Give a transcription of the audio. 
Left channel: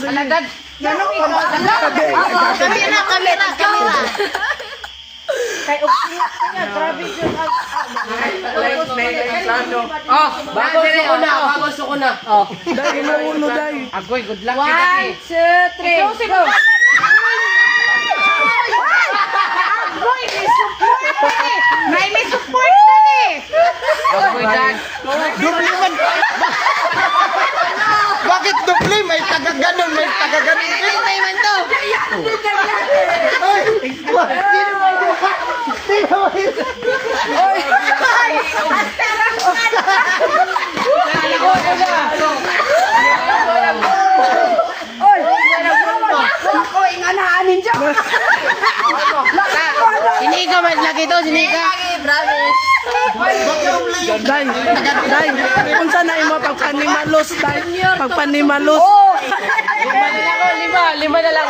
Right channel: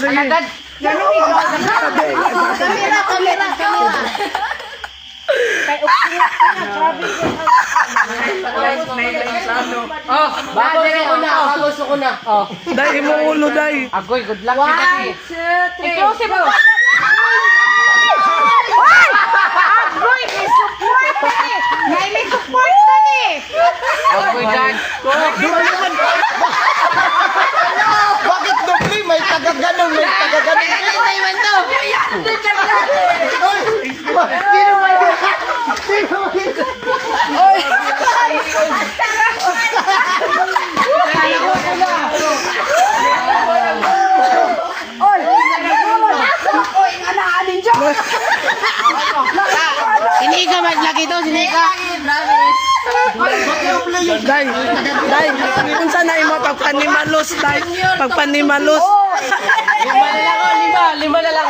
sige. Dad, ganun ikaw. Kamera. Kay upingat ko niya, grabe siya. Plano. Oh, bago ko na. Oh. Day, imuulo, day. Agoy, good luck. 1, 2, 3. Ikaw si Bo. Agoy, may support eh. May support na eh. Agoy, Dad. Bakit dupli? May taga-ganun, may taga-ganun. Sino ba naman to? Sino ba yun? Oy! Oy, nganaanin siya! Sinika mas lagi to, sinika. Day, unsa na imo pagpanimalos, day? Pagpanimalos. Lima na lang.